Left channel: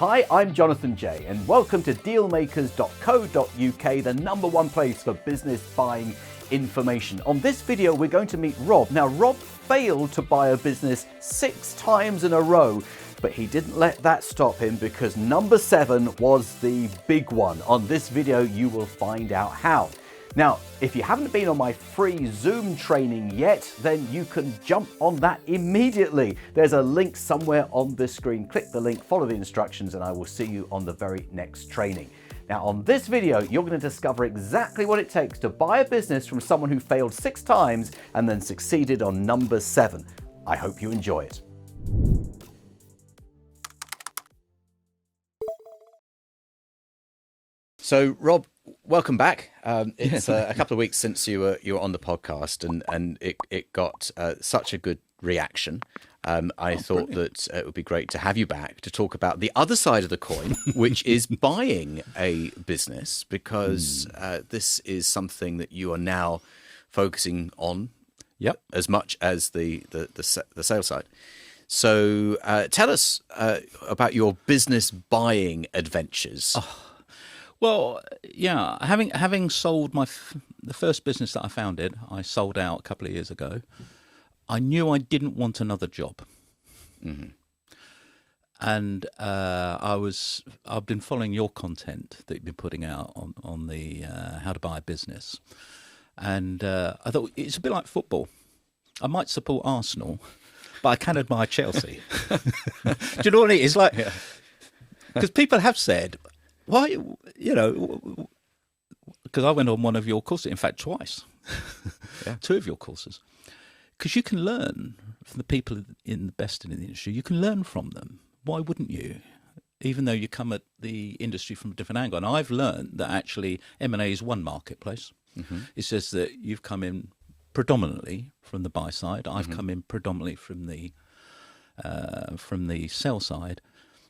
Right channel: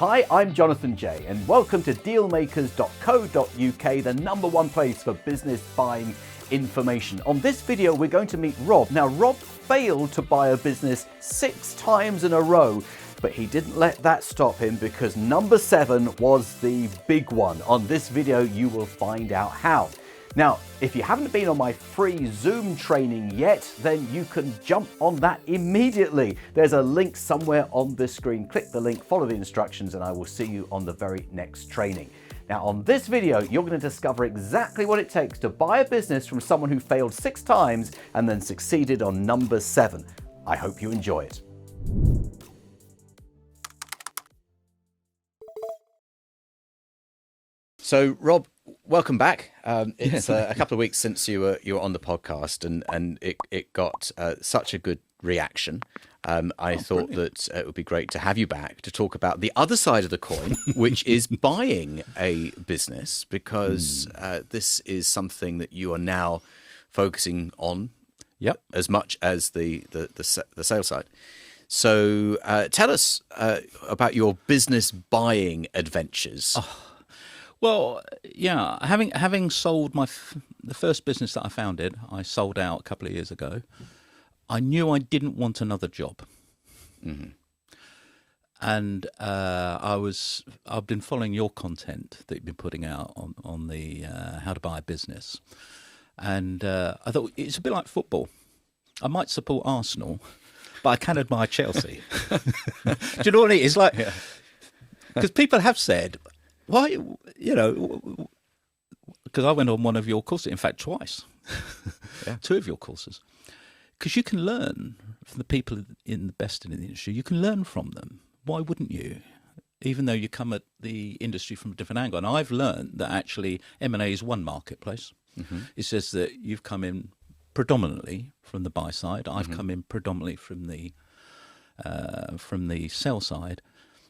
Hi, I'm Jonathan J, and welcome to dealmakers.co.uk, the #1 place for business buying information. On this video, we're going to meet Rob. Now, Rob failed to buy a business 6 times in a row, but he didn't let that stop him because number 7 was the big one. On this video, you will find out how. Now, if you haven't been on my free Zoom training yet, then you can jump on that immediately. There's a link somewhere on this screen. Click the link, follow the instructions, and I will see you on the very next training. Now, on this video, you're going to discover exactly what it takes to buy a business from someone who failed 6 times and then succeeded on number 7. I hope you enjoy it. So, Rob, welcome back. It's a couple of weeks since you were on the podcast, and it got such a good reaction. I thought that it would be great to have you back to talk about the other side of the coin, which is buying a business, because this is something that you are now focusing on, as much as the sales side. So, tell us about your business buying adventures. Well, yeah, having sold the first business that I founded, I sold out a couple of years ago. I knew I didn't want another job, and I've been following your content that you've been putting out on the how to buy a business, and I thought it's a bit like football. I might support Arsenal, but I can admire Chelsea. Do you know what I mean? It's like, because people have said, why, because I went on one of your courses, in fact, twice, 2 of your courses, because you can learn from the people in the best in the industry. You can learn from them. Why wouldn't you? Even though you come at the industry from a different angle. And I've learned that actually M&A is one marketplace. It says that you've come in predominantly from the buy side. I've come in predominantly from the sell side.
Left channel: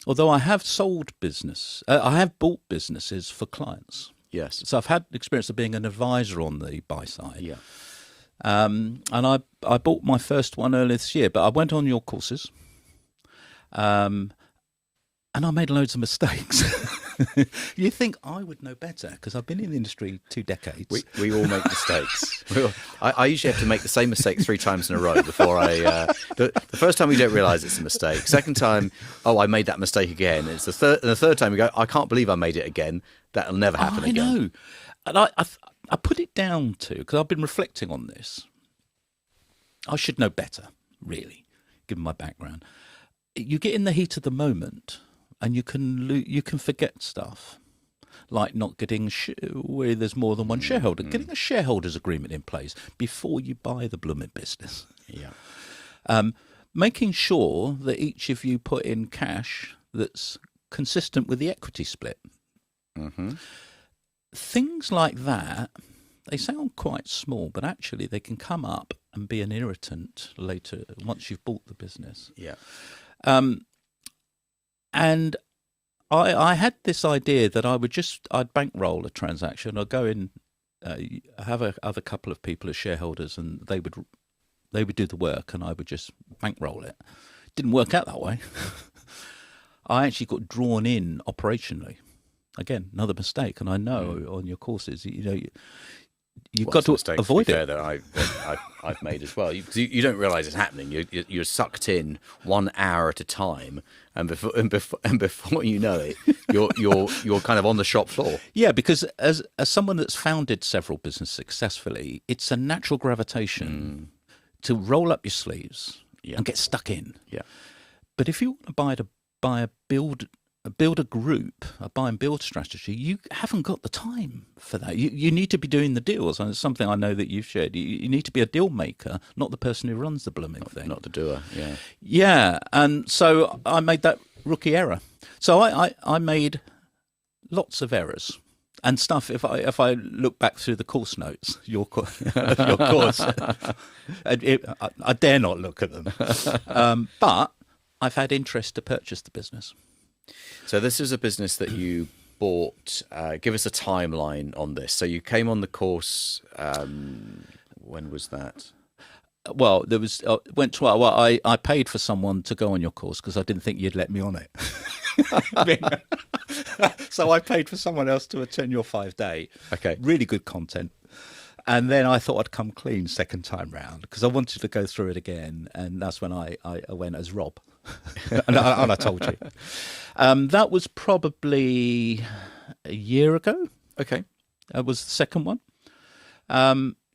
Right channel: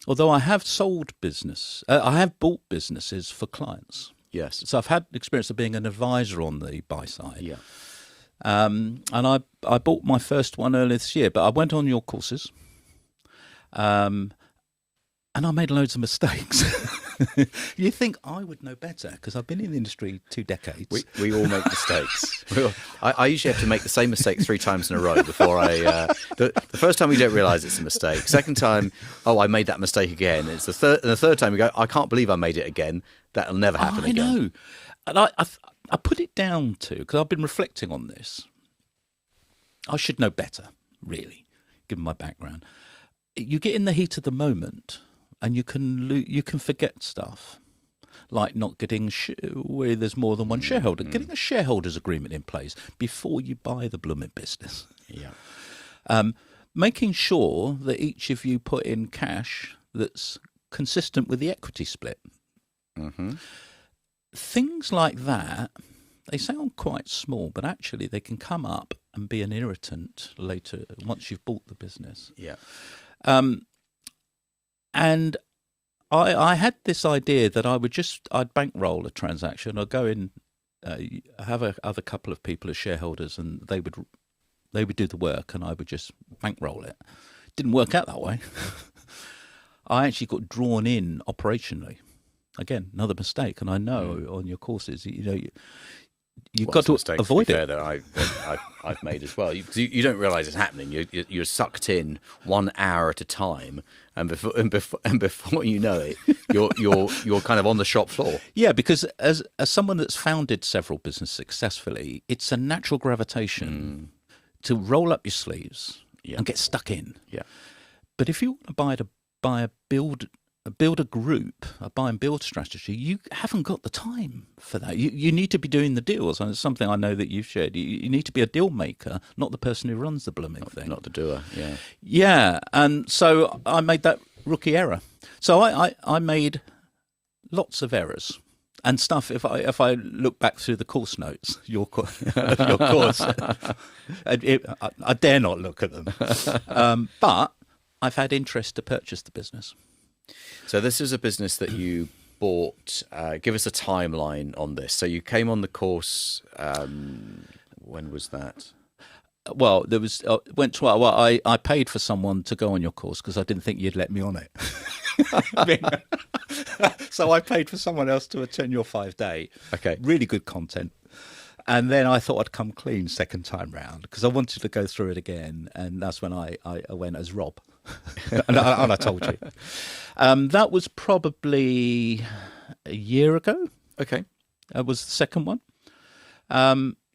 Although I have sold business, I have bought businesses for clients. Yes. So I've had experience of being an advisor on the buy side. Yeah. And I bought my first one earlier this year, but I went on your courses, and I made loads of mistakes. You think I would know better because I've been in the industry 2 decades. We all make mistakes. I usually have to make the same mistake 3 times in a row before the first time we don't realise it's a mistake. Second time, I made that mistake again. It's the third time we go, I can't believe I made it again. That'll never happen again. I know. And I put it down to, because I've been reflecting on this, I should know better, really, given my background. You get in the heat of the moment, and you can forget stuff, like not getting where there's more than one shareholder, getting a shareholders agreement in place before you buy the blooming business. Yeah. Making sure that each of you put in cash that's consistent with the equity split. Things like that, they sound quite small, but actually they can come up and be an irritant later once you've bought the business. Yeah. And I had this idea that I'd bankroll a transaction. I'd go in, have other couple of people as shareholders, and they would do the work, and I would just bankroll it. Didn't work out that way. I actually got drawn in operationally. Again, another mistake, and I know on your courses, you've got to avoid it. That I've made as well. You don't realise it's happening. You're sucked in 1 hour at a time, and before you know it, you're kind of on the shop floor. Yeah, because as someone that's founded several businesses successfully, it's a natural gravitation to roll up your sleeves and get stuck in. Yeah. But if you want to buy a group, a buy and build strategy, you haven't got the time for that. You need to be doing the deals, and it's something I know that you've shared. You need to be a deal maker, not the person who runs the blooming thing. Not the doer, Yeah, and so I made that rookie error. So I made lots of errors and stuff. If I look back through the course notes, your course, I dare not look at them. But I've had interest to purchase the business. So this is a business that you bought. Give us a timeline on this. So you came on the course. When was that? Well, there was went to well, I paid for someone to go on your course because I didn't think you'd let me on it. So I paid for someone else to attend your 5-day. Okay. Really good content. And then I thought I'd come clean second time round because I wanted to go through it again. And that's when I went as Rob. and I told you. That was probably a year ago. Okay. That was the second one.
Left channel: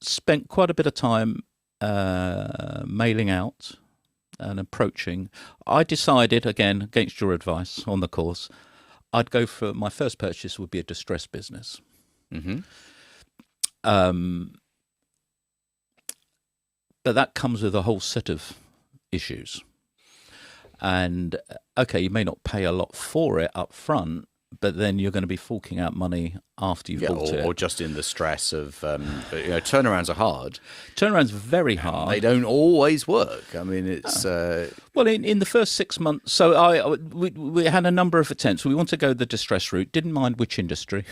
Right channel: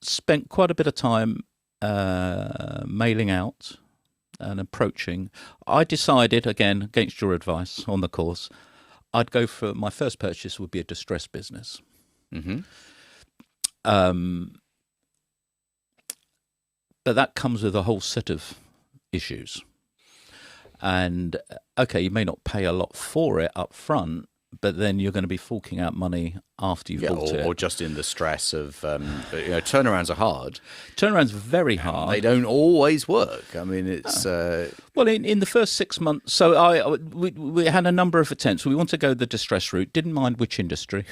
Spent quite a bit of time mailing out and approaching. I decided, again, against your advice on the course, I'd go for my first purchase would be a distressed business. Mm-hmm. But that comes with a whole set of issues. And okay, you may not pay a lot for it up front, but then you're going to be forking out money after you've bought it. Or just in the stress of, turnarounds are hard. Turnaround's very hard. They don't always work. I mean, it's... Well, in the first 6 months, so we had a number of attempts. We wanted to go the distress route, didn't mind which industry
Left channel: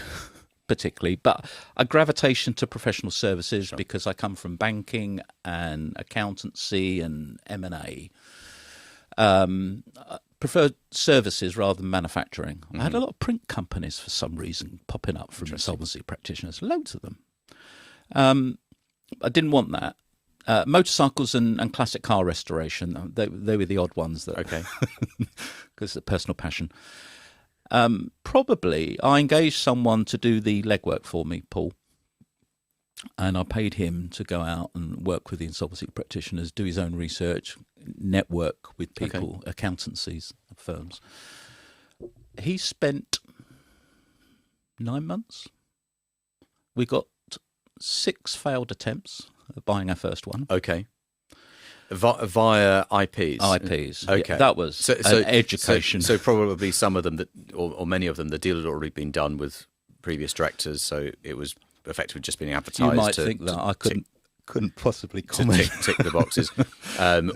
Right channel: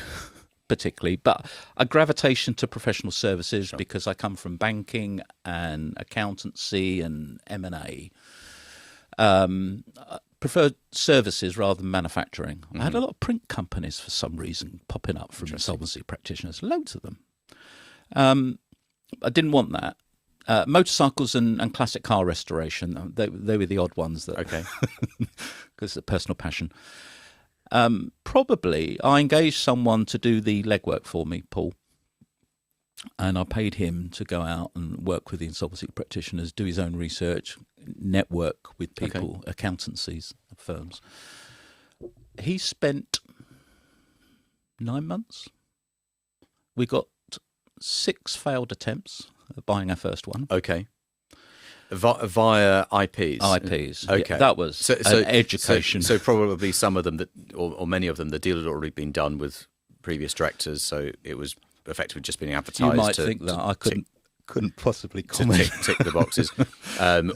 particularly, but a gravitation to professional services because I come from banking and accountancy and M&A. Preferred services rather than manufacturing. Mm-hmm. I had a lot of print companies for some reason popping up from insolvency practitioners, loads of them. I didn't want that. Motorcycles and classic car restoration, they were the odd ones that, okay, because of personal passion. Probably I engaged someone to do the legwork for me, Paul, and I paid him to go out and work with the insolvency practitioners, do his own research, network with people, accountancies, firms. He spent 9 months. We got 6 failed attempts at buying our first one. Okay. Via IPs. IPs. Okay. Yeah, that was an education. So probably some of them that, or many of them, the deal had already been done with previous directors, so it was effectively just being advertised. You might think that I couldn't possibly comment. Tick the boxes,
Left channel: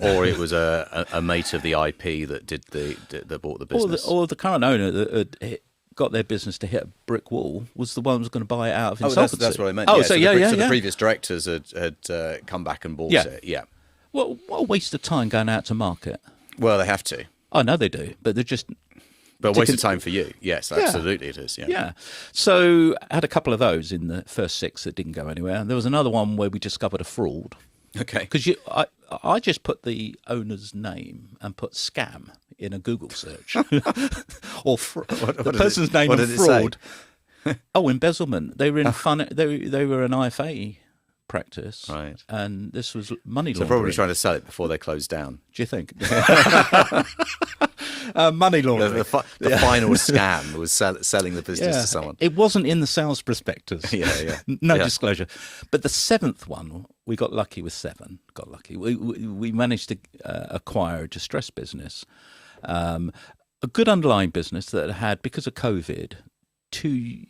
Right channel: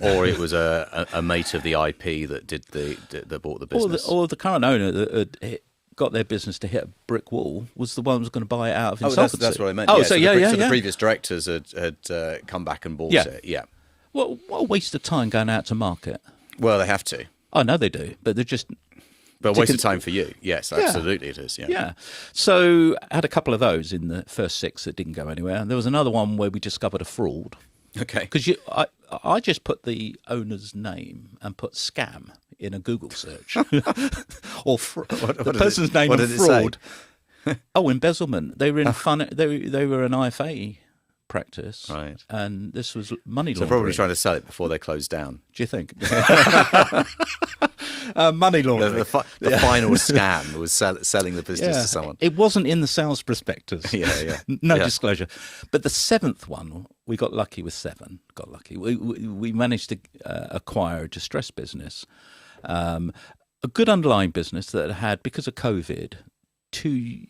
or it was a mate of the IP that did that bought the business, or the current owner that got their business to hit a brick wall was the one who was going to buy it out of insolvency. That's what I meant. Oh, so yeah. The previous directors had come back and bought it. Yeah. Well, what a waste of time going out to market. Well, they have to. I know they do, but they're just. But a waste of time for you. Yes, absolutely it is. Yeah. So I had a couple of those in the first 6 that didn't go anywhere. And there was another one where we discovered a fraud. Okay. Because I just put the owner's name and put scam in a Google search. Or the person's name and fraud. Oh, embezzlement. They were in they were an IFA practice, right? And this was money laundering. So probably trying to sell it before they closed down. Do you think? Money laundering. The final scam was selling the business to someone. It wasn't in the sales prospectus. Yeah. No disclosure. But the 7th one, we got lucky with 7. Got lucky. We managed to acquire a distressed business, a good underlying business that had, because of COVID, 2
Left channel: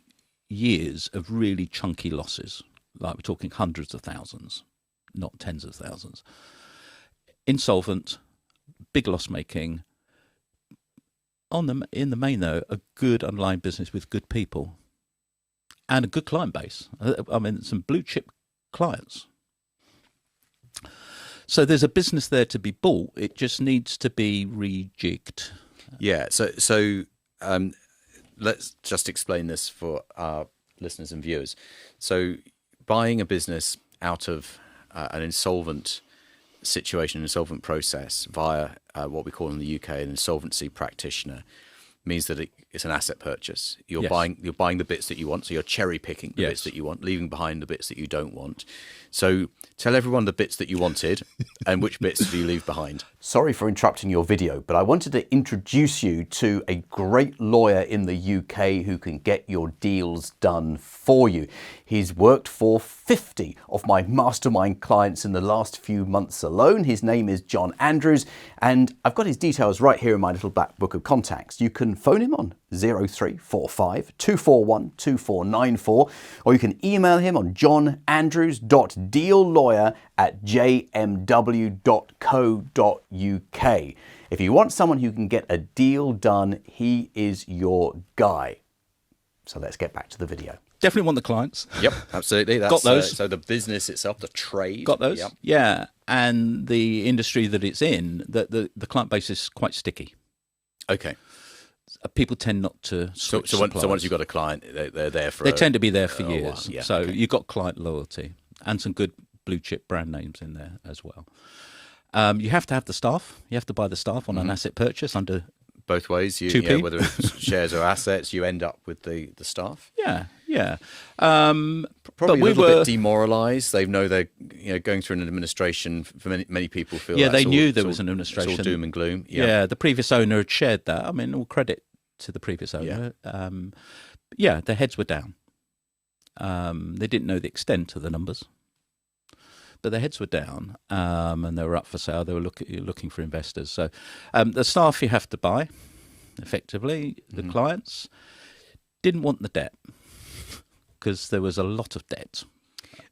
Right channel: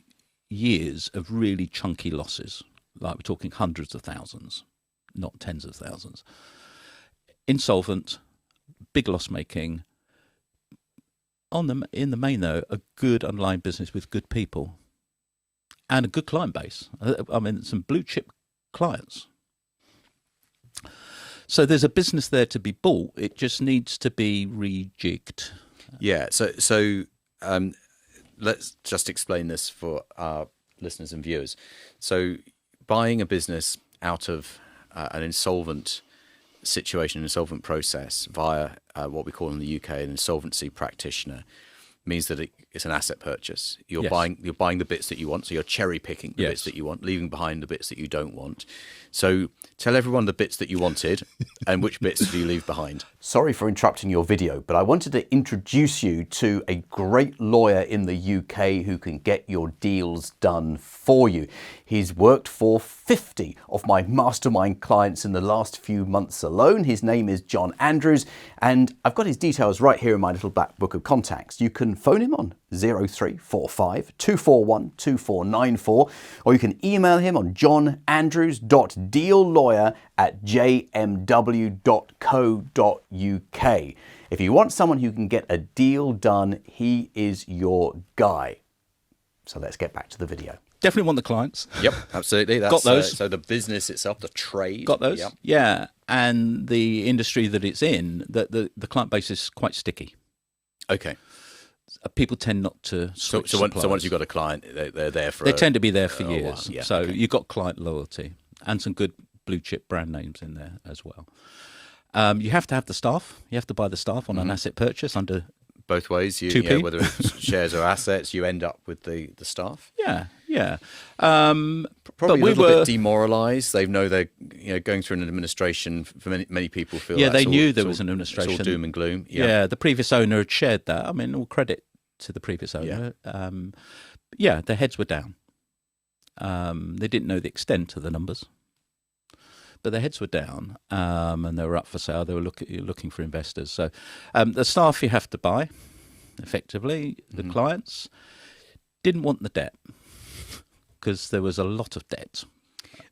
years of really chunky losses. Like we're talking hundreds of thousands, not tens of thousands. Insolvent, big loss making. In the main, though, a good underlying business with good people and a good client base. I mean, some blue chip clients. So there's a business there to be bought. It just needs to be rejigged. Yeah. So let's just explain this for our listeners and viewers. So buying a business out of an insolvent situation, insolvent process via what we call in the UK an insolvency practitioner means that it's an asset purchase. You're buying the bits that you want, so you're cherry picking the bits that you want, leaving behind the bits that you don't want. So tell everyone the bits that you wanted and which bits do you leave behind. Sorry for interrupting your video, but I wanted to introduce you to a great lawyer in the UK who can get your deals done for you. He's worked for 50 of my mastermind clients in the last few months alone. His name is John Andrews, and I've got his details right here in my little black book of contacts. You can phone him on 0345 241 2494, or you can email him on johnandrews.deallawyer@jmw.co.uk. If you want someone who can get a deal done, he is your guy. So let's get back to the video. Definitely want the clients. Yep, absolutely. That's, Got those. So the business itself, the trade. Got those. Yep. Yeah, and the industry that it's in, the client base is quite sticky. Okay. People tend not to switch. So once you've got a client, they're there for. They tend to be there for years. While. Yeah, so okay. you've got client loyalty and some good blue chip brand names in there as well. You have to have the staff. You have to buy the staff on an asset purchase under both ways. You, 2p. whether it's shares or assets, you end up with the staff. Yeah. Probably but a we little were bit demoralised. They know they're going through an administration. For many people feel they that's knew all, there it's was all- an administration. It's all doom and gloom. Yeah. The previous owner had shared that. I mean, all credit to the previous owner. Their heads were down. They didn't know the extent of the numbers, but their heads were down, and they were up for sale. They were looking for investors. So the staff you have to buy, effectively. The clients didn't want the debt because there was a lot of debt.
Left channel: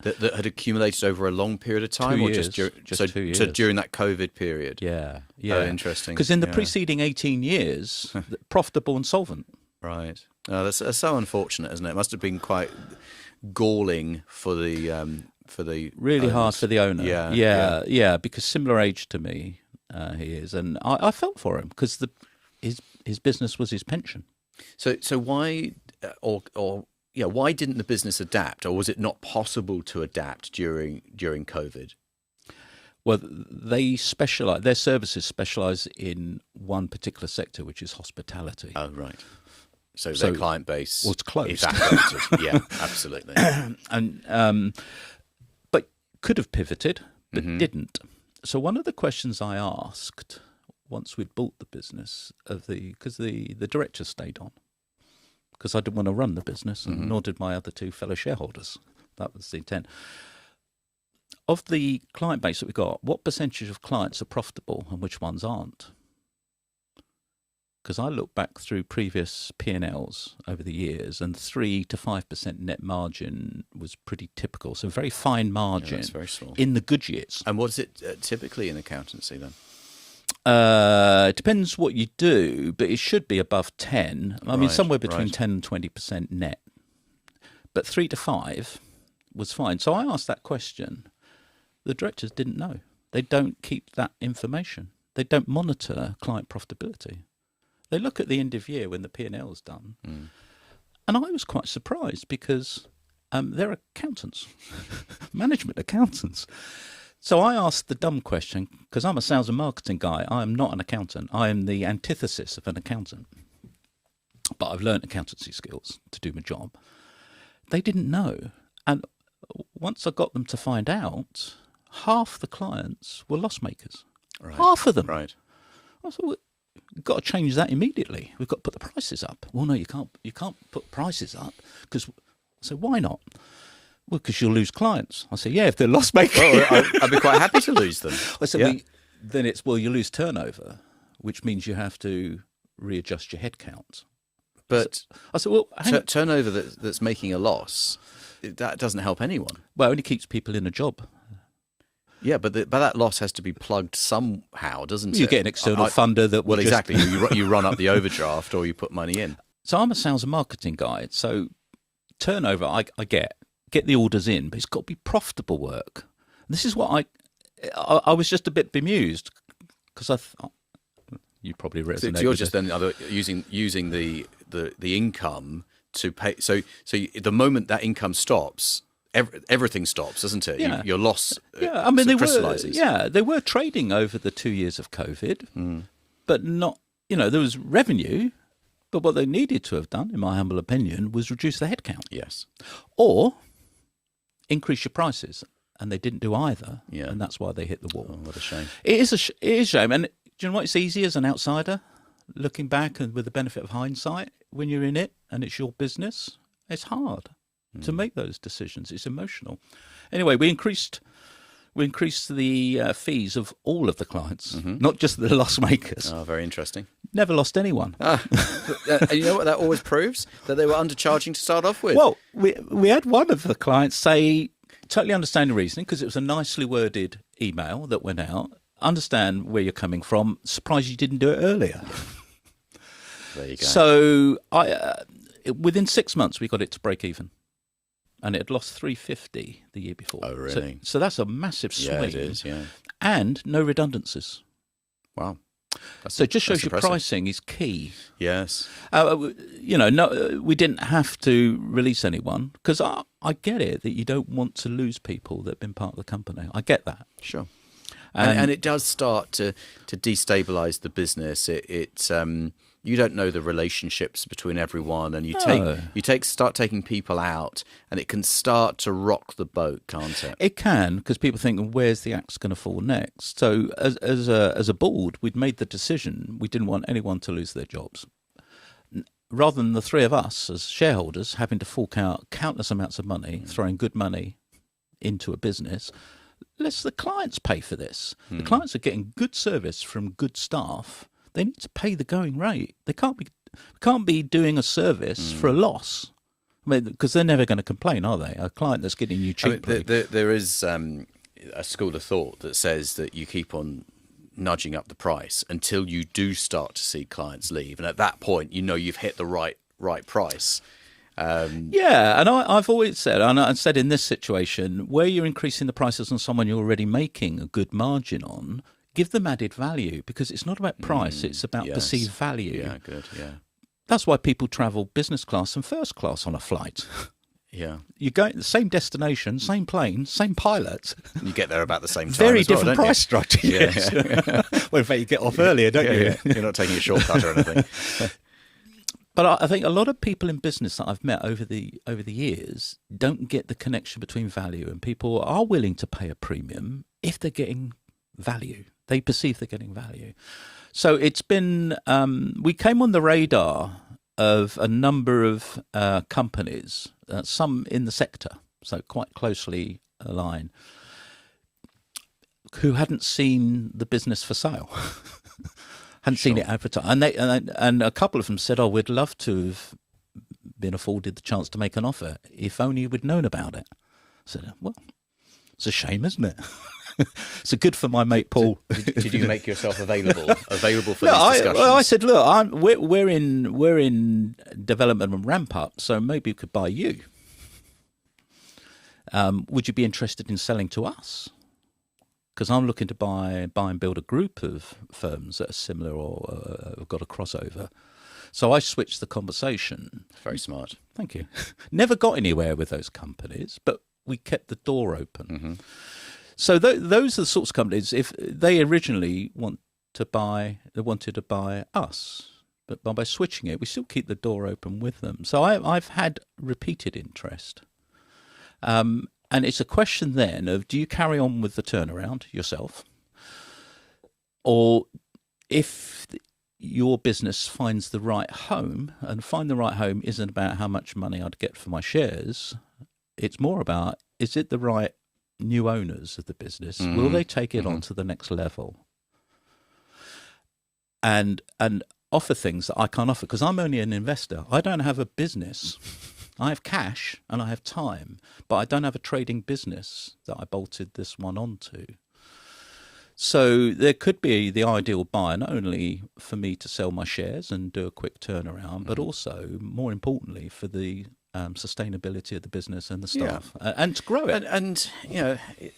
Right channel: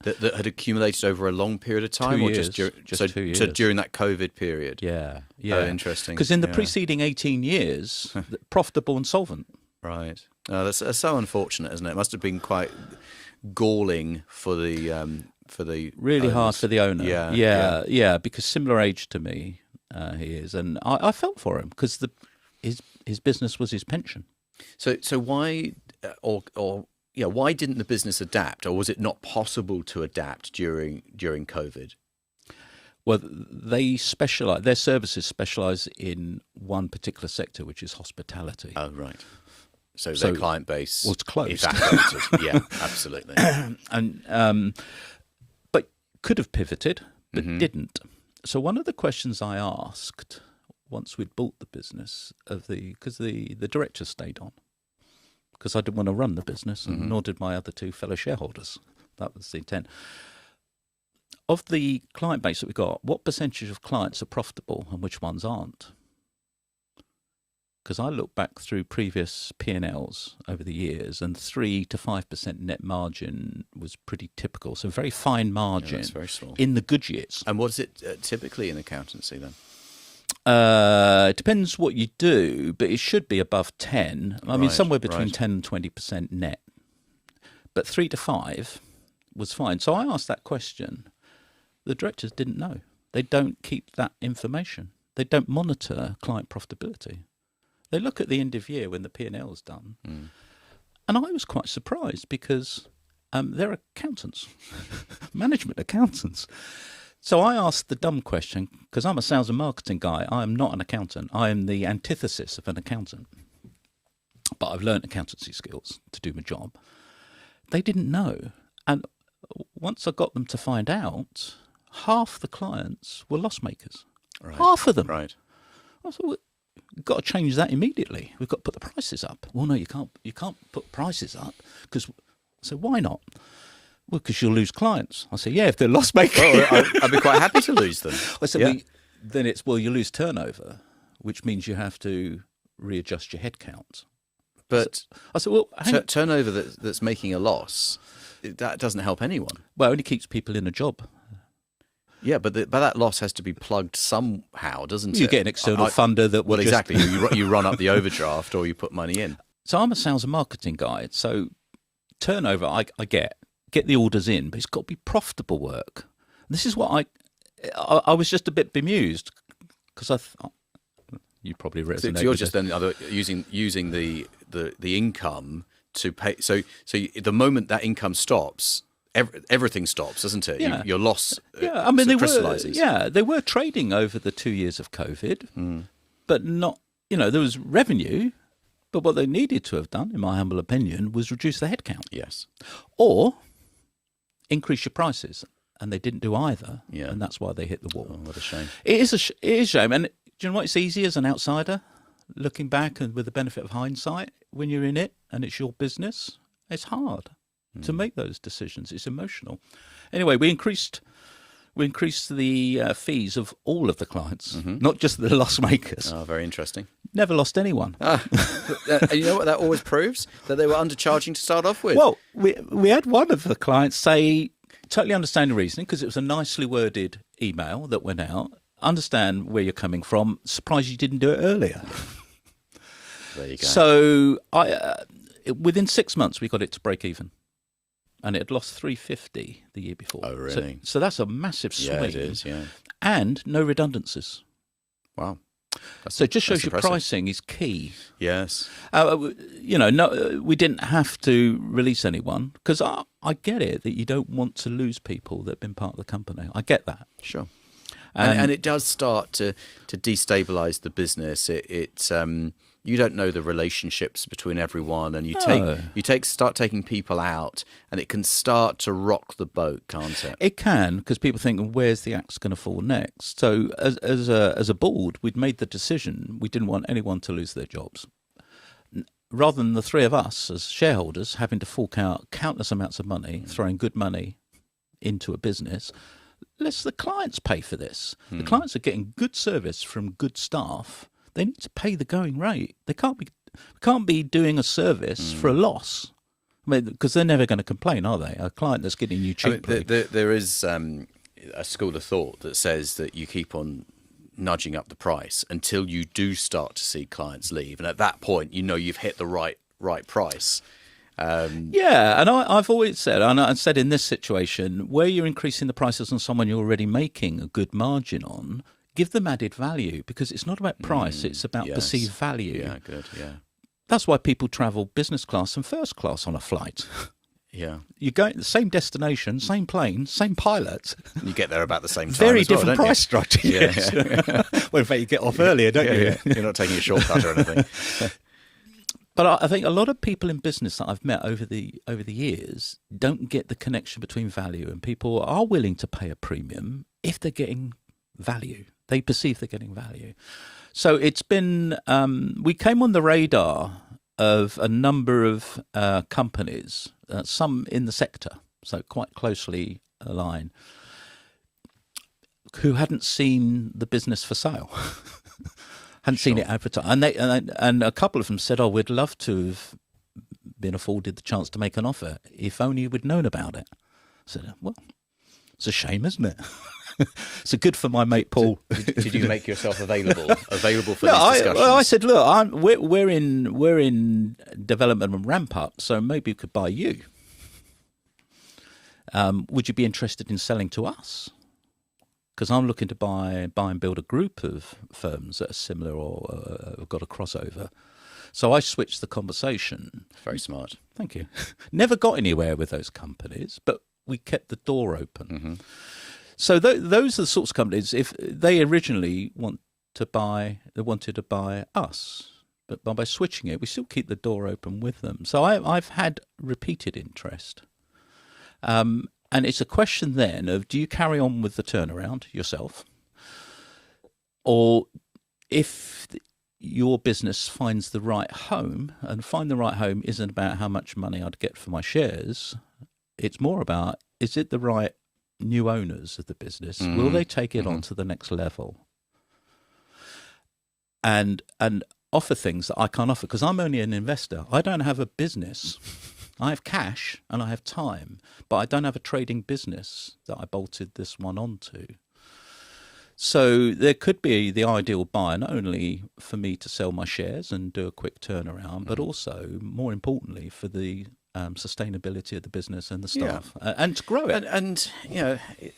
That had accumulated over a long period of time, 2 or years. just 2 years. So during that COVID period. Yeah. Very interesting. Because in the Yeah. preceding 18 years, profitable and solvent. Right. Oh, that's so unfortunate, isn't it? It must have been quite galling for the Really hard owners. for the owner. Yeah. Because similar age to me, he is, and I felt for him because his business was his pension. So why why didn't the business adapt, or was it not possible to adapt during COVID? Well, they specialize. Their services specialize in one particular sector, which is hospitality. Oh, right. So their client base was closed. evaporated. Yeah, absolutely. And but could have pivoted, but didn't. So one of the questions I asked once we'd bought the business because the director stayed on because I didn't want to run the business, and nor did my other two fellow shareholders. That was the intent. Of the client base that we got, what percentage of clients are profitable and which ones aren't? Because I look back through previous P&Ls over the years, and 3 to 5% net margin was pretty typical. So very fine margin that's very small. in the good years. And what's it typically in accountancy then? It depends what you do, but it should be above 10. I mean, Right, somewhere between right. 10 and 20% net. But 3 to 5 was fine. So I asked that question. The directors didn't know. They don't keep that information. They don't monitor client profitability. They look at the end of year when the P&L is done. And I was quite surprised because they're accountants, management accountants. So I asked the dumb question, because I'm a sales and marketing guy. I am not an accountant. I am the antithesis of an accountant. But I've learned accountancy skills to do my job. They didn't know. And once I got them to find out, half the clients were loss makers. Right. Half of them. Right. I thought, well, we've got to change that immediately. We've got to put the prices up. Well, no, you can't. You can't put prices up because. So why not? Well, because you'll lose clients. I said, yeah, if they're loss makers. Well, I'd be quite happy to lose them. I said, Yeah. well, then it's you lose turnover, which means you have to readjust your headcount. But I said, well, hang on. turnover that's making a loss, that doesn't help anyone. Well, it only keeps people in a job. Yeah, but that loss has to be plugged somehow, doesn't it? You get an external funder that will Well, just- exactly. you run up the overdraft, or you put money in. So I'm a sales and marketing guy. So turnover, I get the orders in, but it's got to be profitable work. This is what I was just a bit bemused because you probably resonate. So you're with just it. then using the income to pay. So the moment that income stops, everything stops, doesn't it? Yeah. Your loss. Yeah, I mean crystallizes. they were trading over the 2 years of COVID, but not. There was revenue, but what they needed to have done, in my humble opinion, was reduce the headcount Yes. or increase your prices, and they didn't do either. Yeah. And that's why they hit the wall. Oh, what a shame. It is a shame, and do you know what? It's easy as an outsider looking back and with the benefit of hindsight. When you're in it and it's your business, it's hard to make those decisions. It's emotional. Anyway, we increased the fees of all of the clients, not just the loss makers. Oh, very interesting. Never lost anyone. And you know what that always proves? That they were undercharging to start off with. Well, we had one of the clients say, totally understand the reasoning, because it was a nicely worded email that went out. Understand where you're coming from. Surprised you didn't do it earlier. There you go. So within 6 months, we got it to break even. and it had lost 350 the year before. Oh, really? So that's a massive swing. Yeah, it is, yeah. And no redundancies. Wow. So it just shows you impressive. pricing is key. Yes. No, we didn't have to release anyone, because I get it that you don't want to lose people that have been part of the company. I get that. Sure. And it does start to destabilize the business. You don't know the relationships between everyone, and you start taking people out, and it can start to rock the boat, can't it? It can, because people think, where's the axe going to fall next? So as a board, we'd made the decision we didn't want anyone to lose their jobs. Rather than the three of us as shareholders having to fork out countless amounts of money, throwing good money into a business, let the clients pay for this. The clients are getting good service from good staff. They need to pay the going rate. They can't be doing a service for a loss. I mean, because they're never going to complain, are they? A client that's getting you cheaply. There is a school of thought that says that you keep on nudging up the price until you do start to see clients leave, and at that point, you've hit the right price. Yeah, and I've always said, and I said in this situation, where you're increasing the prices on someone you're already making a good margin on, give them added value, because it's not about price, it's about perceived value. Yeah, good, yeah. That's why people travel business class and first class on a flight. Yeah. You go to the same destination, same plane, same pilot. You get there about the same time. Very as well, different don't price you? structure. Yeah. Yes. Well, in fact, you get off earlier, don't you? Yeah. You're not taking a shortcut or anything. But I think a lot of people in business that I've met over the years don't get the connection between value, and people are willing to pay a premium if they're getting value. They perceive they're getting value. So it's been, we came on the radar of a number of companies, some in the sector, so quite closely aligned, who hadn't seen the business for sale. Hadn't seen it advertised, and a couple of them said, "Oh, we'd love to have been afforded the chance to make an offer if only we'd known about it." I said, "Well, it's a shame, isn't it?" So good for my mate Paul. Did you make yourself available for this discussion? I said, "Look, we're in development and ramp up, so maybe we could buy you. Would you be interested in selling to us? Because I'm looking to buy and build a group of firms that are similar or have got a crossover." So I switched the conversation. Very smart. Thank you. Never got anywhere with those companies, but we kept the door open. Mm-hmm. So those are the sorts of companies, if they originally wanted to buy us, but by switching it, we still keep the door open with them. So I've had repeated interest. And it's a question then of, do you carry on with the turnaround yourself? Or if your business finds the right home, and find the right home isn't about how much money I'd get for my shares, it's more about, is it the right new owners of the business? Will they take it on to the next level? And offer things that I can't offer, because I'm only an investor. I don't have a business. I have cash and I have time, but I don't have a trading business that I bolted this one onto. So there could be the ideal buyer, not only for me to sell my shares and do a quick turnaround, but also, more importantly, for the sustainability of the business and the staff, and to grow it. And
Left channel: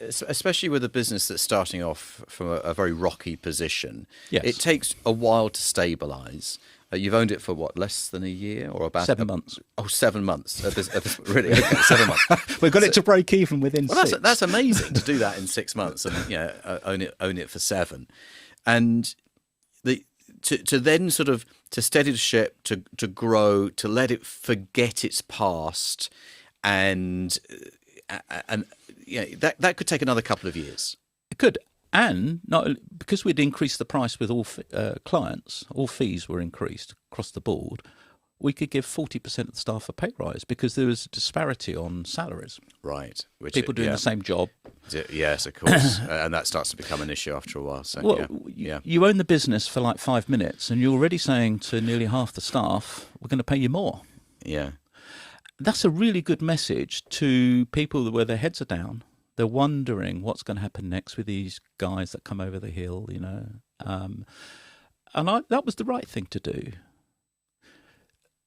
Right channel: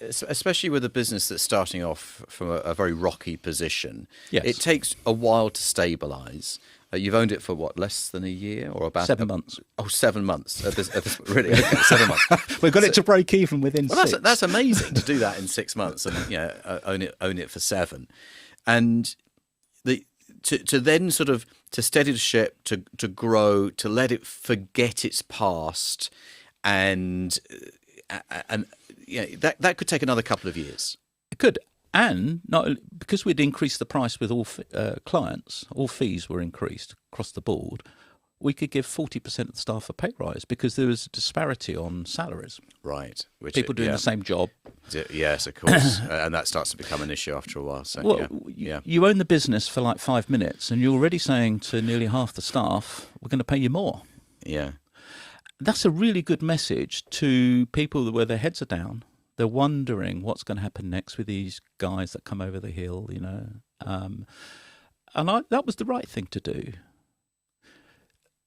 especially with a business that's starting off from a very rocky position, it takes a while to stabilise. You've owned it for what, less than a year, or about 7 months? Oh, 7 months. Really, okay, 7 months. We've got it to break even within 6. That's amazing to do that in 6 months, and own it for 7, and to then sort of to steady the ship, to grow, to let it forget its past, and that could take another couple of years. It could. And not because we'd increased the price with all clients, all fees were increased across the board. We could give 40% of the staff a pay rise because there was a disparity on salaries. Right, people doing the same job. Yes, of course, and that starts to become an issue after a while. So, you own the business for like 5 minutes, and you're already saying to nearly half the staff, "We're going to pay you more." Yeah, that's a really good message to people where their heads are down. They're wondering what's going to happen next with these guys that come over the hill, and that was the right thing to do.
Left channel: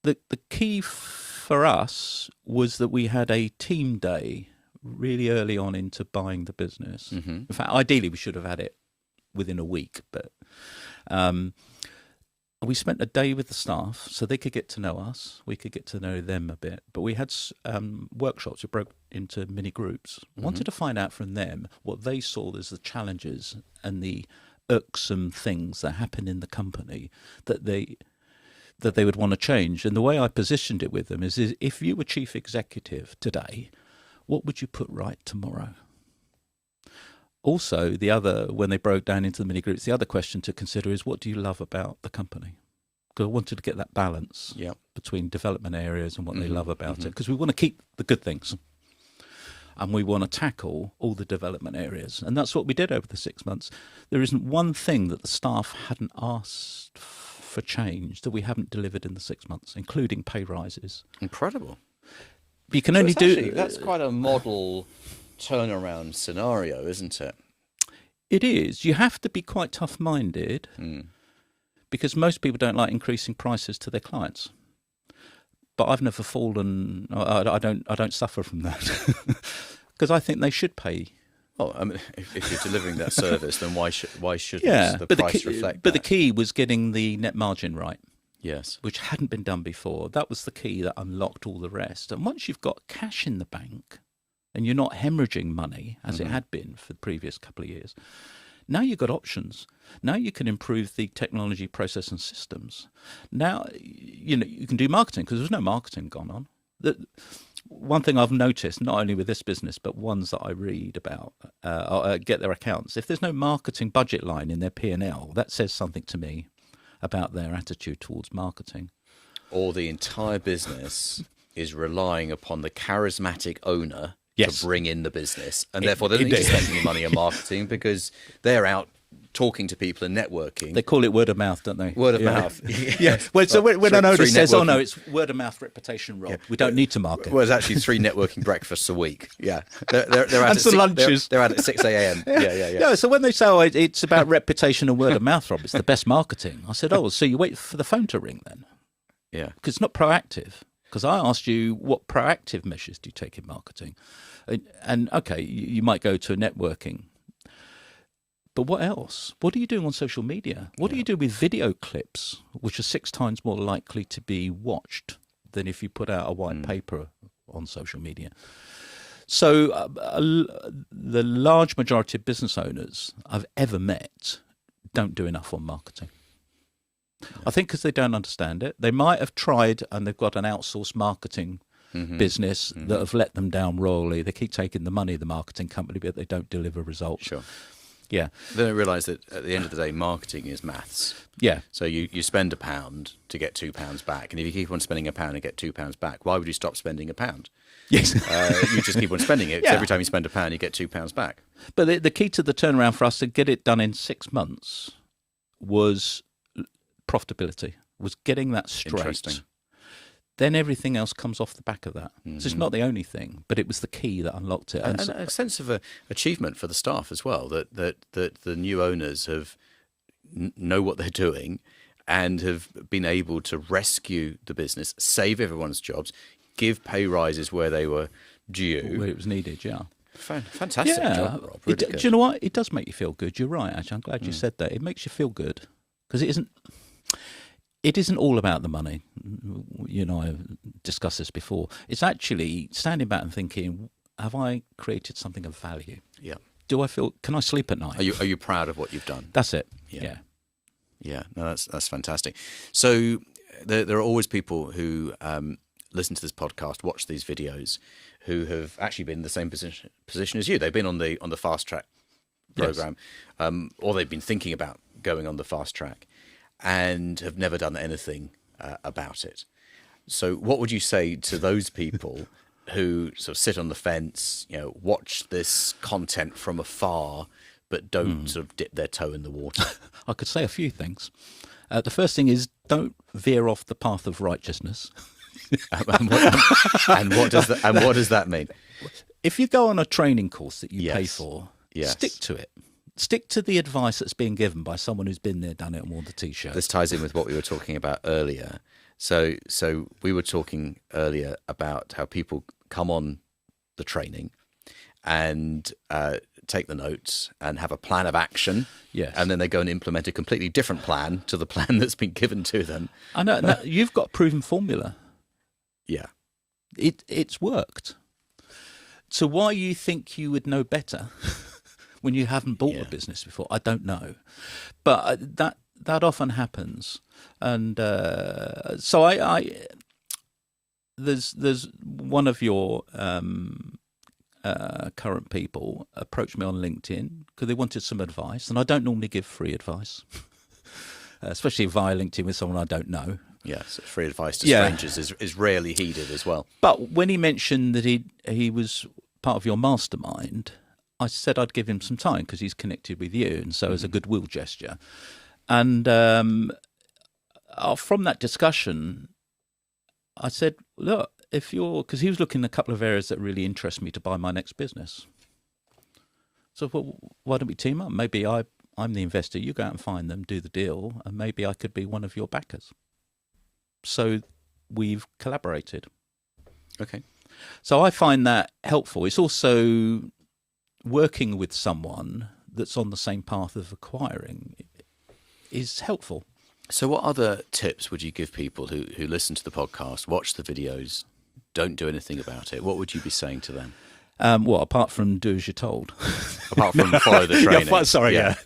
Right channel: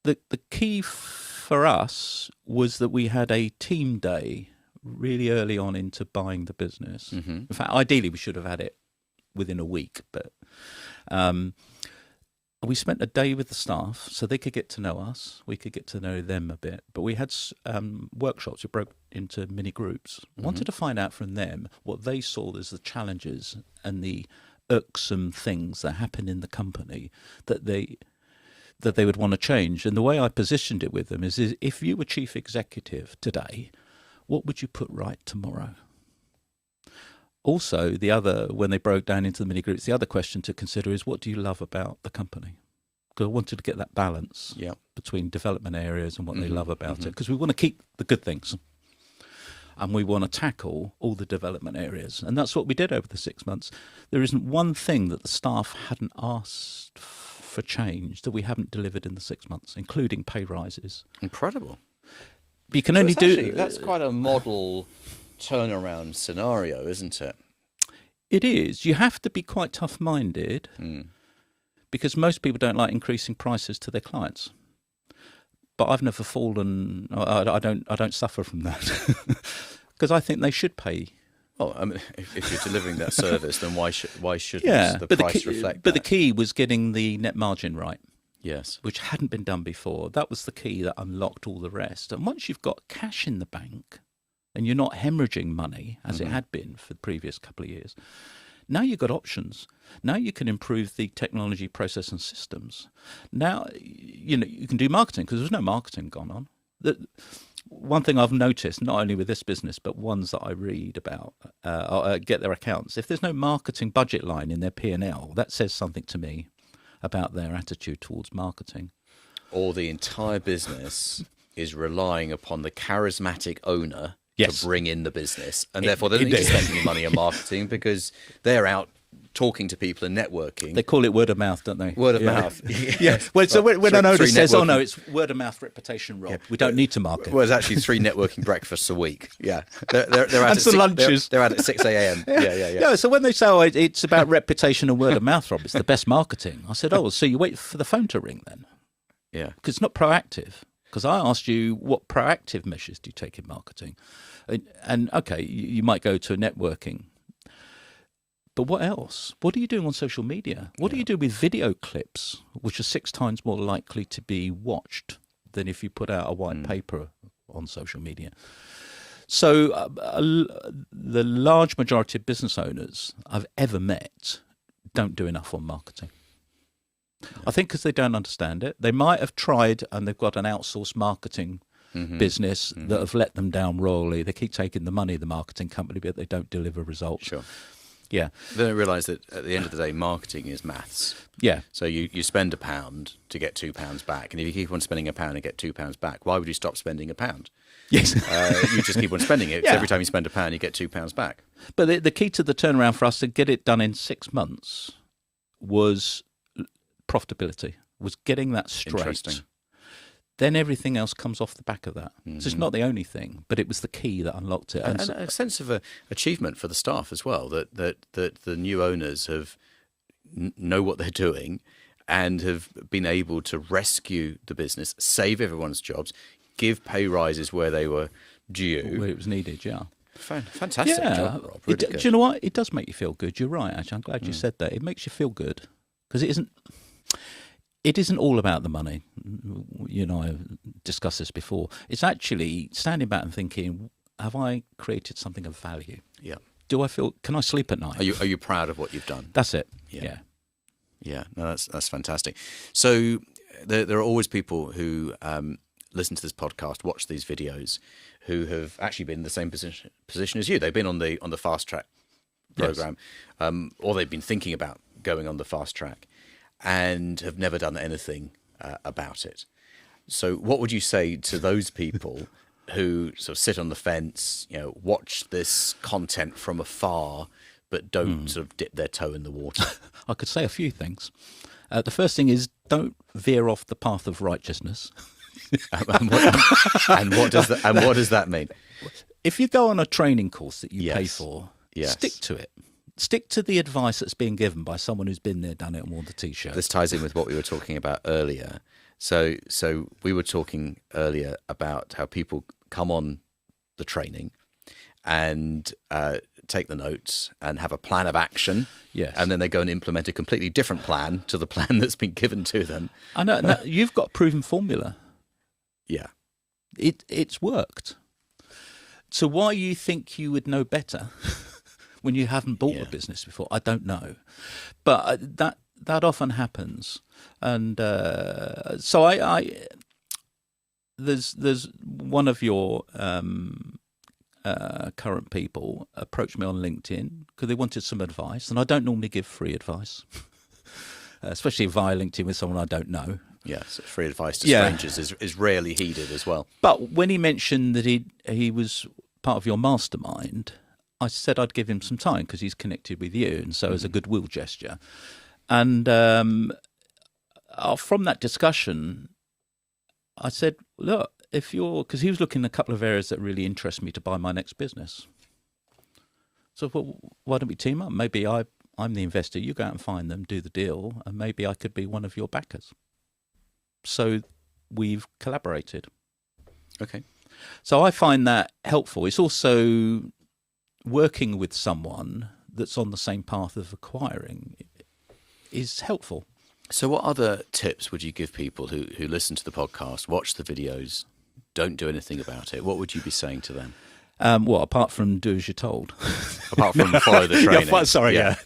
The key for us was that we had a team day really early on into buying the business. In fact, ideally we should have had it within a week, but we spent a day with the staff so they could get to know us, we could get to know them a bit, but we had workshops that broke into mini groups. Wanted to find out from them what they saw as the challenges and the irksome things that happen in the company that they would want to change. And the way I positioned it with them is if you were chief executive today, what would you put right tomorrow? Also, when they broke down into the mini groups, the other question to consider is, what do you love about the company? Because I wanted to get that balance between development areas and what they love about it, because we want to keep the good things and we want to tackle all the development areas. And that's what we did over the 6 months. There isn't one thing that the staff hadn't asked for change that we haven't delivered in the 6 months, including pay rises. Incredible. You can only do... That's quite a model turnaround scenario, isn't it? It is. You have to be quite tough-minded because most people don't like increasing prices to their clients. But I've never fallen. I don't suffer from that because I think they should pay. Oh, I mean, if you're delivering that service, then why should the price reflect? But the key was getting the net margin right. Yes, which hadn't been done before. That was the key that unlocked all the rest. And once you've got cash in the bank and you're not hemorrhaging money as it had been for the previous couple of years, now you've got options. Now you can improve the technology, process and systems. Now, you can do marketing because there's no marketing gone on. One thing I've noticed, not only with this business, but ones that I read about, get their accounts, if there's no marketing budget line in their P&L, that says something to me about their attitude towards marketing. Or the entire business is relying upon the charismatic owner to bring in the business, and therefore they don't need to spend any money on marketing because they're out talking to people and networking. They call it word of mouth, don't they? Word of mouth. Yeah. Well, so when an owner says, "Oh no, it's word of mouth reputation, Rob. We don't need to market." Well, it's actually 3 networking breakfasts a week. Yeah, they're at and some lunches. They're out at 6 a.m. Yeah. No, so when they say, "Oh, it's about reputation and word of mouth, Rob, it's the best marketing," I said, "Oh, so you wait for the phone to ring then?" Yeah, because it's not proactive. Because I asked you, what proactive measures do you take in marketing? And okay, you might go to a networking. But what else? What are you doing on social media? What do you do with video clips, which are 6 times more likely to be watched than if you put out a white paper on social media? So the large majority of business owners I've ever met don't do enough on marketing. I think because they don't understand it. They might have tried and they've got an outsourced marketing business that have let them down royally. They keep taking the money of the marketing company, but they don't deliver results. Sure. Yeah. Then I realise that at the end of the day, marketing is maths. Yeah. So you spend £1 to get £2 back, and if you keep on spending £1 and get £2 back, why would you stop spending £1? Yes. You just keep on spending it. So every time you spend £1, you get £2 back. But the key to the turnaround for us to get it done in 6 months was profitability, was getting that straight. Interesting. Then everything else comes off the back of that. So it's not the only thing, but it was the key that unlocked it. And a sense of achievement for the staff as well, that the new owners know what they're doing and have been able to rescue the business, save everyone's jobs, give pay rises where they were due. Where it was needed, yeah. Fantastic job, Rob. Really do you know what? It does make you feel good. You're right, actually. I'm glad you said that. It makes you feel good because it isn't all about the money. You know, I've discussed this before. It's actually standing back and thinking, have I created something of value? Yeah. Can I sleep at night? Are you proud of what you've done? That's it. Yeah. No, that's fantastic. So there are always people who listen to this podcast, watch these videos, who have actually been in the same position as you. They've been on the fast track program, or they've been thinking about going on the fast track, and have never done anything about it. So what would you say to those people who sort of sit on the fence, watch this content from afar, but don't sort of dip their toe in the water? I could say a few things. The first thing is, don't veer off the path of righteousness. and what does that mean? If you go on a training course that you pay for, Yes. stick to it. Stick to the advice that's being given by someone who's been there, done it, and worn the T-shirt. This ties in with what we were talking about earlier, So we were talking earlier about how people come on the training and take the notes and have a plan of action. Yes. And then they go and implement a completely different plan to the plan that's been given to them. I know. No, you've got a proven formula. Yeah. It's worked. So why you think you would know better when you haven't bought a business before, I don't know. But that often happens. And so I there's one of your current people approached me on LinkedIn because they wanted some advice, and I don't normally give free advice, especially via LinkedIn with someone I don't know. Yeah, so free advice to strangers is rarely heeded as well. But when he mentioned that he was part of your mastermind, I said I'd give him some time because he's connected with you, and so as a goodwill gesture. And from that discussion, I said, look, because he was looking at a couple of areas that really interest me to buy my next business. So well, why don't we team up? Maybe I'm the investor, you go out and find them, do the deal, and maybe I could be one of your backers. So we've collaborated. Okay. So I find that helpful. It's also working with someone that's on the same path of acquiring is helpful. So what other tips would you give people who listen to the podcast, watch the videos, don't do anything about it? What would you be saying to them? Well, apart from do as you're told. Apart from follow the training.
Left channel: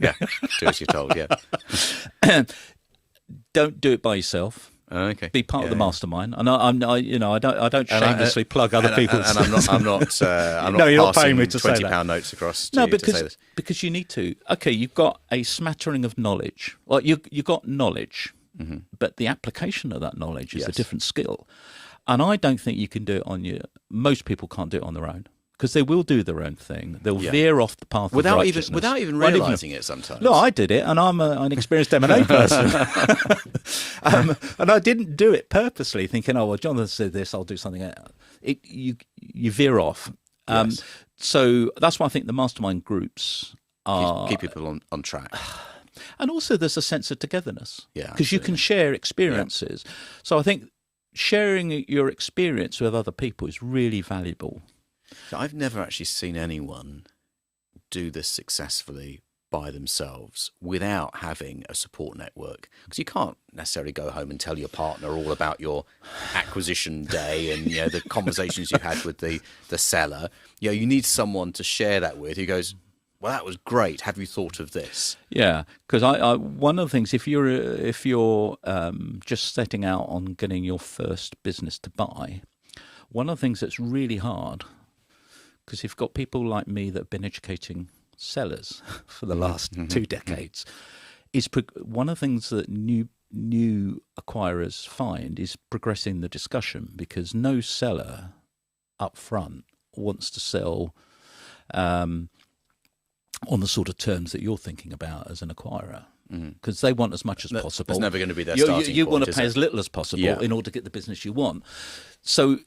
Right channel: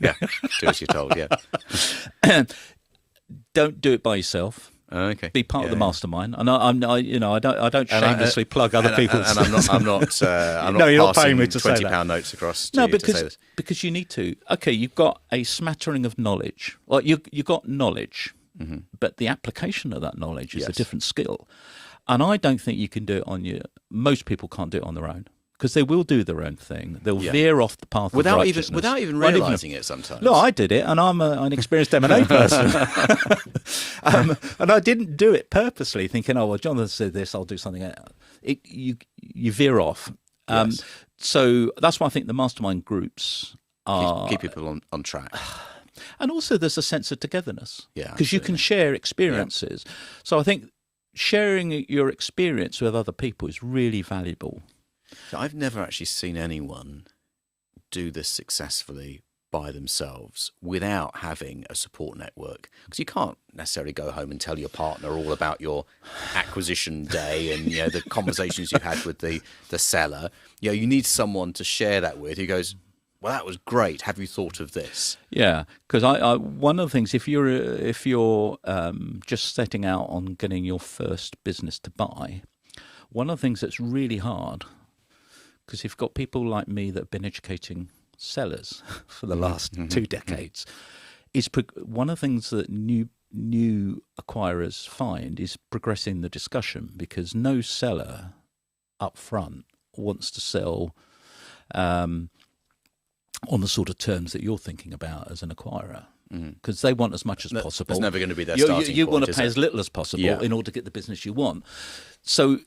Yeah. Do as you're told, yeah. Don't do it by yourself. Okay. Be part of the mastermind, and I don't shamelessly plug other people's. And I'm not No, you're not passing paying me to say that. £20 notes across to you to say this. Because you need to. Okay, you've got a smattering of knowledge. Well, you got knowledge, but the application of that knowledge is a different skill, and I don't think you can do it on your. Most people can't do it on their own. Because they will do their own thing. They'll veer off the path of righteousness. Without even realising it sometimes. No, I did it, and I'm an experienced M&A person. And I didn't do it purposely, thinking, oh, well, Jonathan said this, I'll do something else. You veer off. So that's why I think the mastermind groups are... Keep people on track. And also there's a sense of togetherness. Yeah, because you can share experiences. Yeah. So I think sharing your experience with other people is really valuable. So I've never actually seen anyone do this successfully by themselves without having a support network, because you can't necessarily go home and tell your partner all about your acquisition day and the conversations you had with the seller. You need someone to share that with who goes, well, that was great, have you thought of this? Yeah, because I one of the things, if you're just setting out on getting your first business to buy, one of the things that's really hard, because you've got people like me that have been educating sellers for the last 2 decades, is one of the things that new acquirers find is progressing the discussion, because no seller up front wants to sell on the sort of terms that you're thinking about as an acquirer, because they want as much as possible. It's never going to be their starting point. You want to pay as little as possible in order to get the business you want. So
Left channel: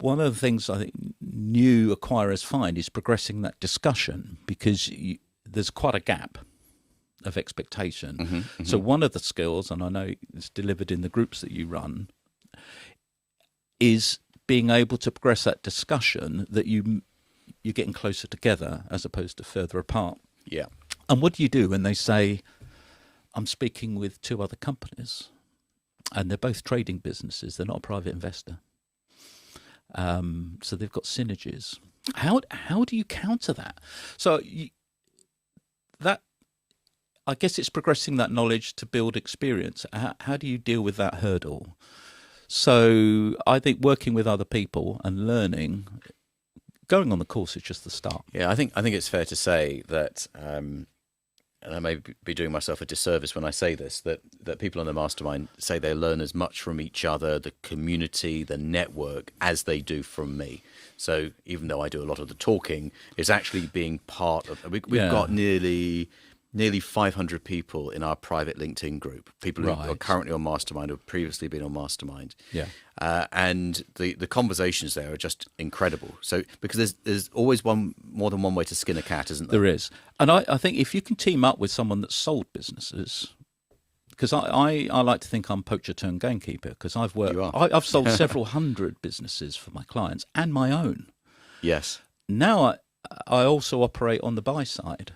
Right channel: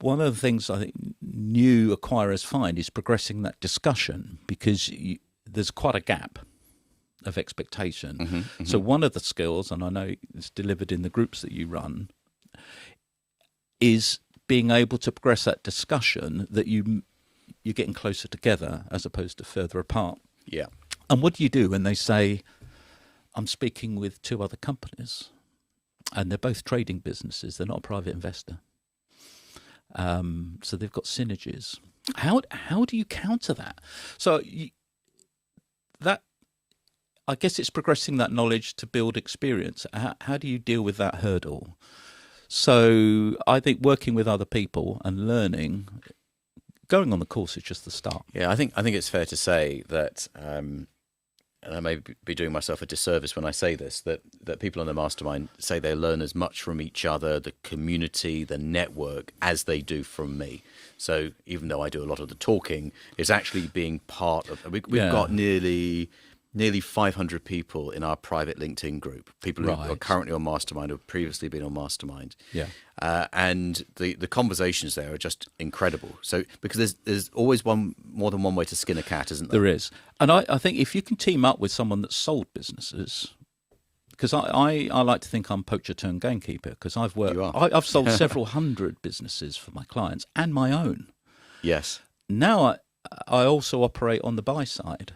one of the things I think new acquirers find is progressing that discussion, because there's quite a gap of expectation. So one of the skills, and I know it's delivered in the groups that you run, is being able to progress that discussion that you're getting closer together as opposed to further apart. Yeah. And what do you do when they say, I'm speaking with 2 other companies and they're both trading businesses, they're not a private investor? So they've got synergies. How do you counter that? So I guess it's progressing that knowledge to build experience. How do you deal with that hurdle? So I think working with other people and learning, going on the course is just the start. Yeah, I think it's fair to say that, and I may be doing myself a disservice when I say this, that people on the mastermind say they learn as much from each other, the community, the network, as they do from me. So even though I do a lot of the talking, it's actually being part of. We've got nearly 500 people in our private LinkedIn group, people who are currently on Mastermind or have previously been on Mastermind. Yeah. And the conversations there are just incredible. So because there's always more than one way to skin a cat, isn't there? There is. And I think if you can team up with someone that's sold businesses, because I like to think I'm poacher turned gamekeeper, because I've worked, You are. I've sold several hundred businesses for my clients and my own. Yes. Now I also operate on the buy side.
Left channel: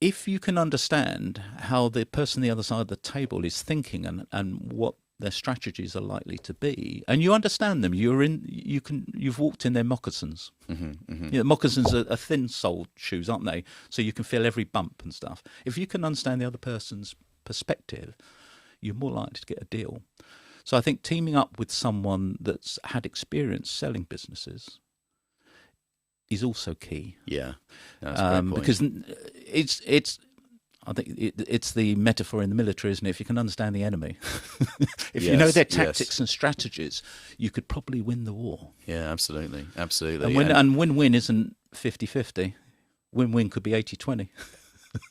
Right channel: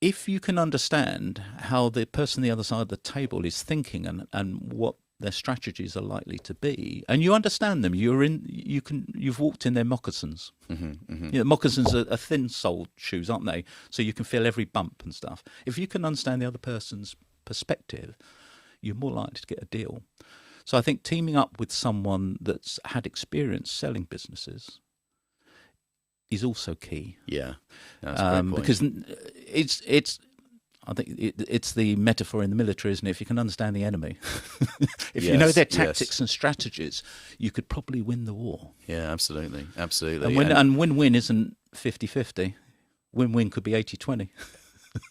If you can understand how the person on the other side of the table is thinking and what their strategies are likely to be, and you understand them, you've walked in their moccasins. Moccasins are thin-soled shoes, aren't they? So you can feel every bump and stuff. If you can understand the other person's perspective, you're more likely to get a deal. So I think teaming up with someone that's had experience selling businesses is also key. Yeah, that's a great point. Because it's I think it's the metaphor in the military, isn't it? If you can understand the enemy, if you know their tactics and strategies, you could probably win the war. Yeah, absolutely. Absolutely. And win-win isn't 50-50. Win-win could be 80-20.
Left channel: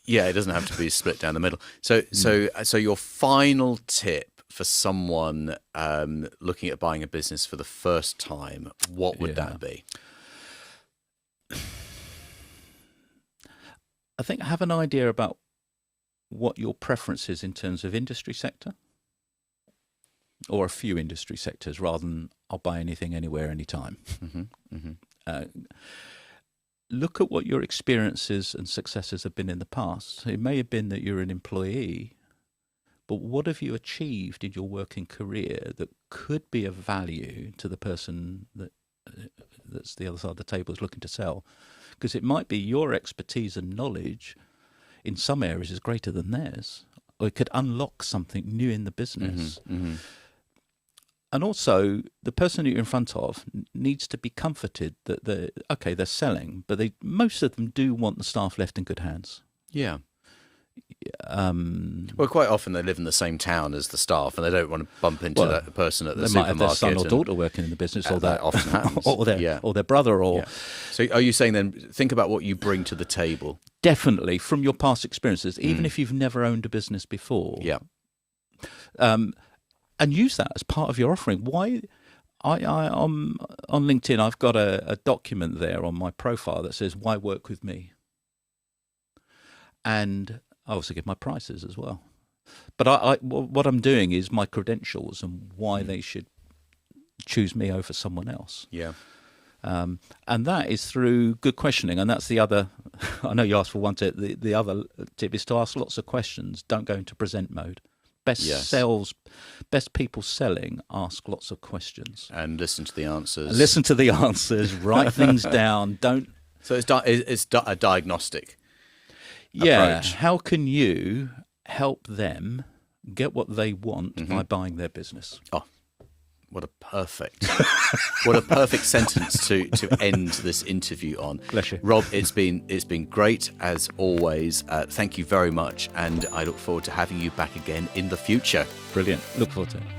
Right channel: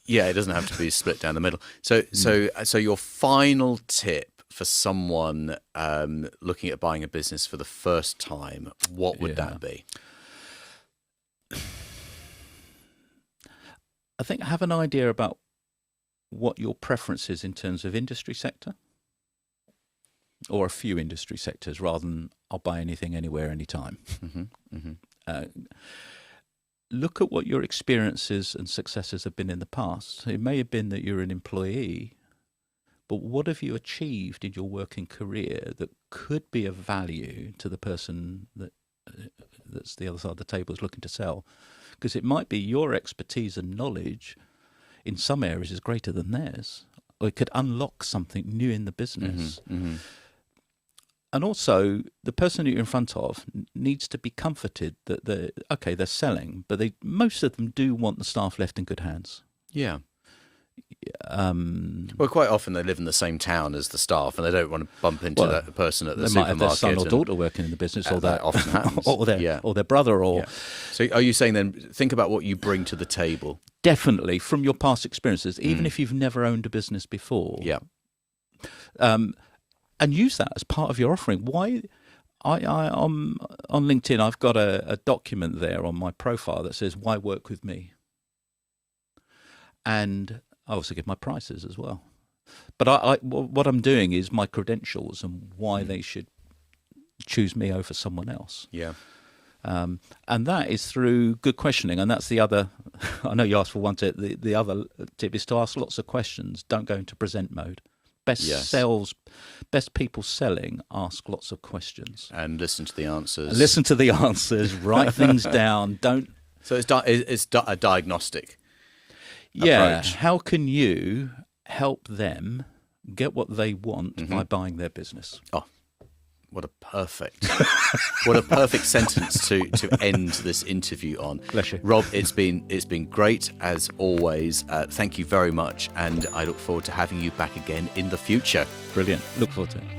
Yeah, it doesn't have to be split down the middle. So your final tip for someone looking at buying a business for the first time, what would that be? I think have an idea about what your preference is in terms of industry sector, or a few industry sectors, rather than I'll buy anything, anywhere, anytime. Look at what your experiences and successes have been in the past. It may have been that you're an employee, but what have you achieved in your working career that could be of value to the person that's the other side of the table is looking to sell? Because it might be your expertise and knowledge in some areas is greater than theirs, or it could unlock something new in the business. And also, the person that you're in front of needs to be comforted that they're selling, but most of them do want the staff left in good hands. Yeah. Well, quite often they live in the same town as the staff, and they don't want to bump into that person at the supermarket. They might have their son or daughter working in the business, or that often happens. or their brother. Or So, are you saying then, think about what you bring to the table? Definitely, from your past experiences, even if you've never owned a business before. Yeah. And use that as part of your offering. Why? On LinkedIn, I've got a document there on my profile that says, "Why work with me?" And I also give my prices as well. But what I'm doing is my credentials and why they should choose me over someone else. Yeah. And that is through good questioning. And that's the other, I know you asked for one tip. The other tip is to ask lots of questions. Don't go into present mode. Best people selling, ask lots of questions. And listen to the answers. Write things down. So it's a diagnostic. Yeah, approach. How can you help them get what they want by buying their business? Oh, what a perfect sentence to end this interview on. Bless you. Rob, it's been great as always. Thank you very much, and I look forward to having you back again in the future. Brilliant. Look forward to it.